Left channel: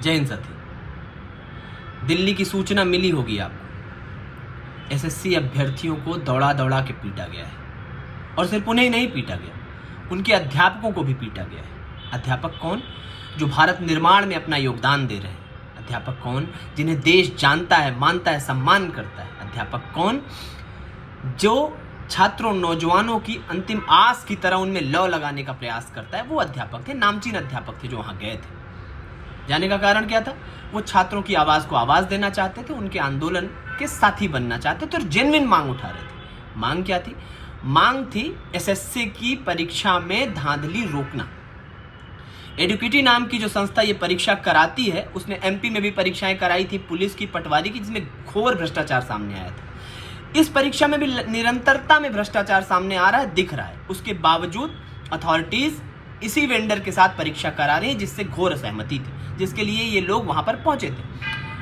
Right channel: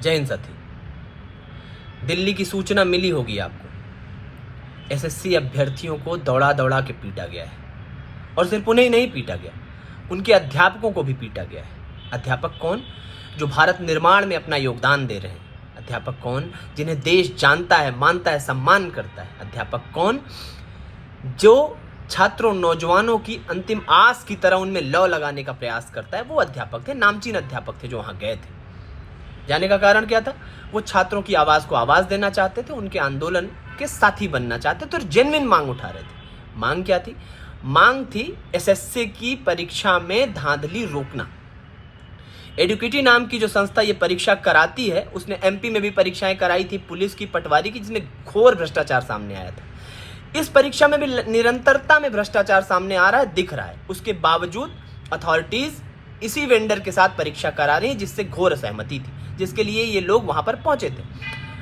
जय हिंद साथी। दिल्ली की सूचना मिली होगी आपको, एसएससी अभ्यर्थियों को दौड़ा दौड़ा के पीटा गया है और सिर्फ उन्हें नहीं पीटा गया, उनके अध्यापकों को भी पीटा गया है। अध्यापक कौन? जो भारत निर्माण में अपना योगदान दे रहे हैं। अध्यापक कौन? जिन्हें देश जानता है, मानता है, सम्मान करता है। अध्यापक कौन? जो छात्रों, नौजवानों की अंतिम आस की तरह उनमें लौ लगाने का प्रयास करता है। वो अध्यापक थे, नामचीन अध्यापक थे जो वहां गए थे। जाने का कारण क्या था? वो छात्रों की आवाज को आवाज देना चाहते थे, उनके आंदोलन के साथी बनना चाहते थे और जेन्युइन मांग उठा रहे थे। मांग क्या थी? मांग थी एसएससी की परीक्षा में धांधली रोकना। एडुकेटी नाम की जो संस्था ये परीक्षा कराती है, उसने एमपी में भी परीक्षाएं कराई थी, पुलिस की, पटवारी की, जिसमें घोर भ्रष्टाचार सामने आया था। इस परीक्षा में भी निरंतरता में भ्रष्टाचार सामने आ रहा है, दिख रहा है। उसके बावजूद अथॉरिटीज इसी वेंडर के साथ परीक्षा करा रही है, जिससे घोर असहमति थी, जिसके लिए ये लोग वहां पर पहुंचे थे।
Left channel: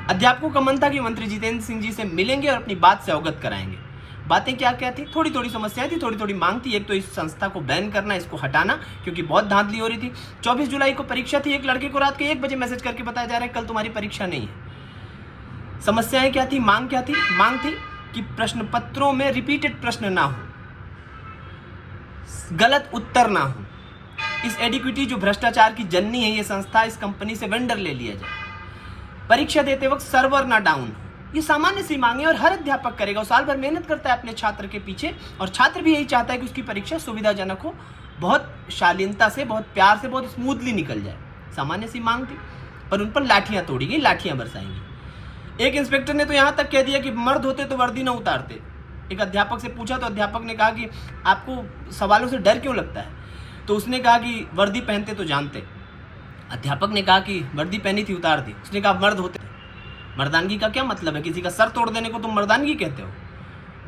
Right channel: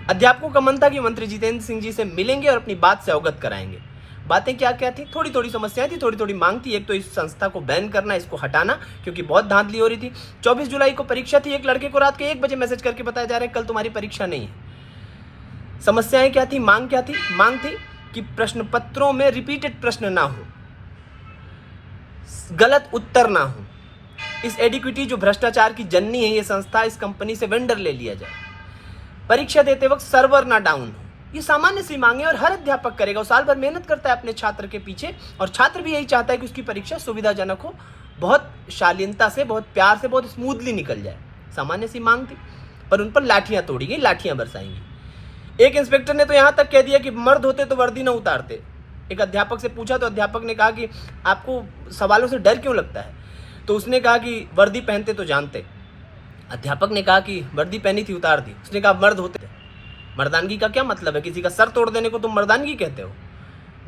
अध्यापकों का मन था कि मंत्री जितेंद्र सिंह जी से मिलेंगे और अपनी बात से अवगत कराएंगे। बातें क्या क्या थी? थोड़ी थोड़ी समस्याएं थी, थोड़ी थोड़ी मांग थी। एक तो इस संस्था को बैन करना, इसको हटाना, क्योंकि बहुत धांधली हो रही थी। 24 जुलाई को परीक्षा थी। एक लड़के को रात के 1 बजे मैसेज करके बताया जा रहा है कल तुम्हारी परीक्षा नहीं है। समस्याएं क्या थी? मांग क्या थी? मांग थी कि प्रश्न पत्रों में रिपीटेड प्रश्न ना हो, गलत उत्तर ना हो। इस एडिक्विटी जो भ्रष्टाचार की जननी है ये संस्था, इस कंपनी से वेंडर ले लिया जाए। परीक्षा देते वक्त सर्वर ना डाउन हो। ये सामान्य सी मांगे और हर अध्यापक करेगा। वो साल भर मेहनत करता है अपने छात्र के पीछे और छात्र भी यही चाहता है कि उसकी परीक्षा सुविधाजनक हो, बहुत शालीनता से, बहुत प्यार से, बहुत स्मूथली निकल जाए। सामान्य सी मांग थी, पर उन पर लाठियां तोड़ी गई, लाठियां बरसाएंगी। एक इंस्पेक्टर ने तो यहां तक कह दिया कि मर्द होते तो वर्दी ना उतारते। एक अध्यापक से पूछा तो अध्यापक ने कहा कि आपको सवालों से डर क्यों लगता है? तो उसने कहा कि वर्दी पहनते तो जानते। अध्यापक ने कहा कि वर्दी पहनी थी, उतार दी। उसने कहा मर्द होते। मर्दानगी का क्या मतलब है? किसी का सर तोड़ देने को तुम मर्दानगी कहते हो?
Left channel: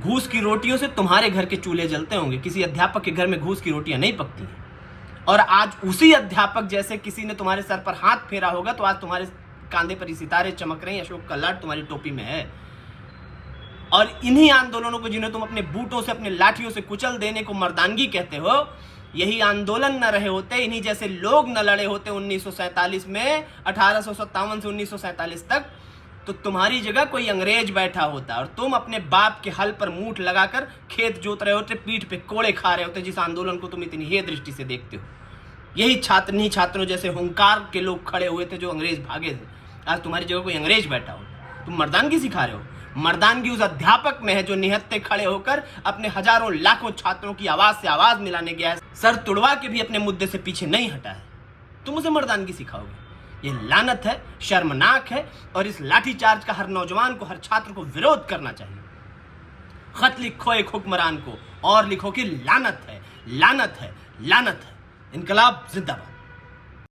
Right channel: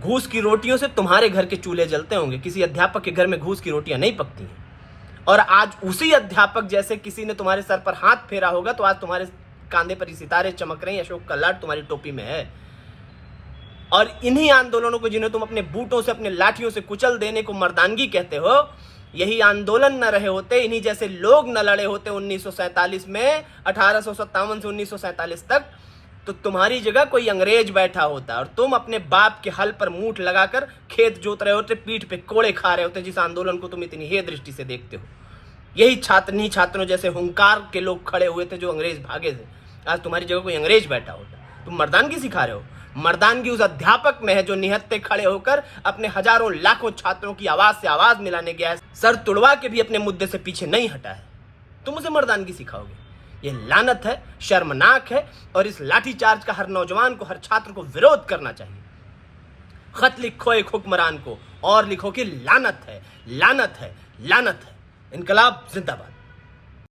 घूस की रोटियों से तुम्हारे घर के चूल्हे जलते होंगे, किसी अध्यापक के घर में घूस की रोटियां नहीं पकती हैं। और आज उसी अध्यापक जैसे किसी ने तुम्हारे सर पर हाथ फेरा होगा तो आज तुम्हारे कांधे पर सितारे चमक रहे हैं, अशोक का लाड तुम्हारी टोपी में है। और इन्हीं आंदोलनों को, जिन्हें तुम अपने बूटों से, अपने लाठियों से कुचल देने को मर्दानगी कहते हो, यही आंदोलन न रहे होते, इन्हीं जैसे लोग न लड़े होते 1947 में, 1857 से 1947 तक, तो तुम्हारी जगह कोई अंग्रेज बैठा होता और तुम अपने बाप के हल पर मूठ लगाकर खेत जोत रहे होते, पीठ पे कोड़े खा रहे होते, जिस आंदोलन को तुम इतनी हे दृष्टि से देखते हो। यही छात्रों जैसे हुंकार के लोग खड़े हुए थे जो अंग्रेज भागे थे। आज तुम्हारी जगह कोई अंग्रेज बैठा होता। तुम मर्दानगी सिखा रहे हो। मर्दानगी उस अध्यापक में है जो निहत्ते खड़े होकर अपने हजारों लाखों छात्रों की आवाज से आवाज मिलाने गया है, सर तुड़वा के भी अपने मुद्दे से पीछे नहीं हटा है। तुम उसे मर्दानगी सिखाओगे? ये लानत है, शर्मनाक है। और इस लाठीचार्ज का हर नौजवान को, हर छात्र को विरोध करना चाहिए। खत लिखो एक हुक्मरान को और लिखो कि लानत है, लानत है, लानत है। इनकलाब जिंदाबाद।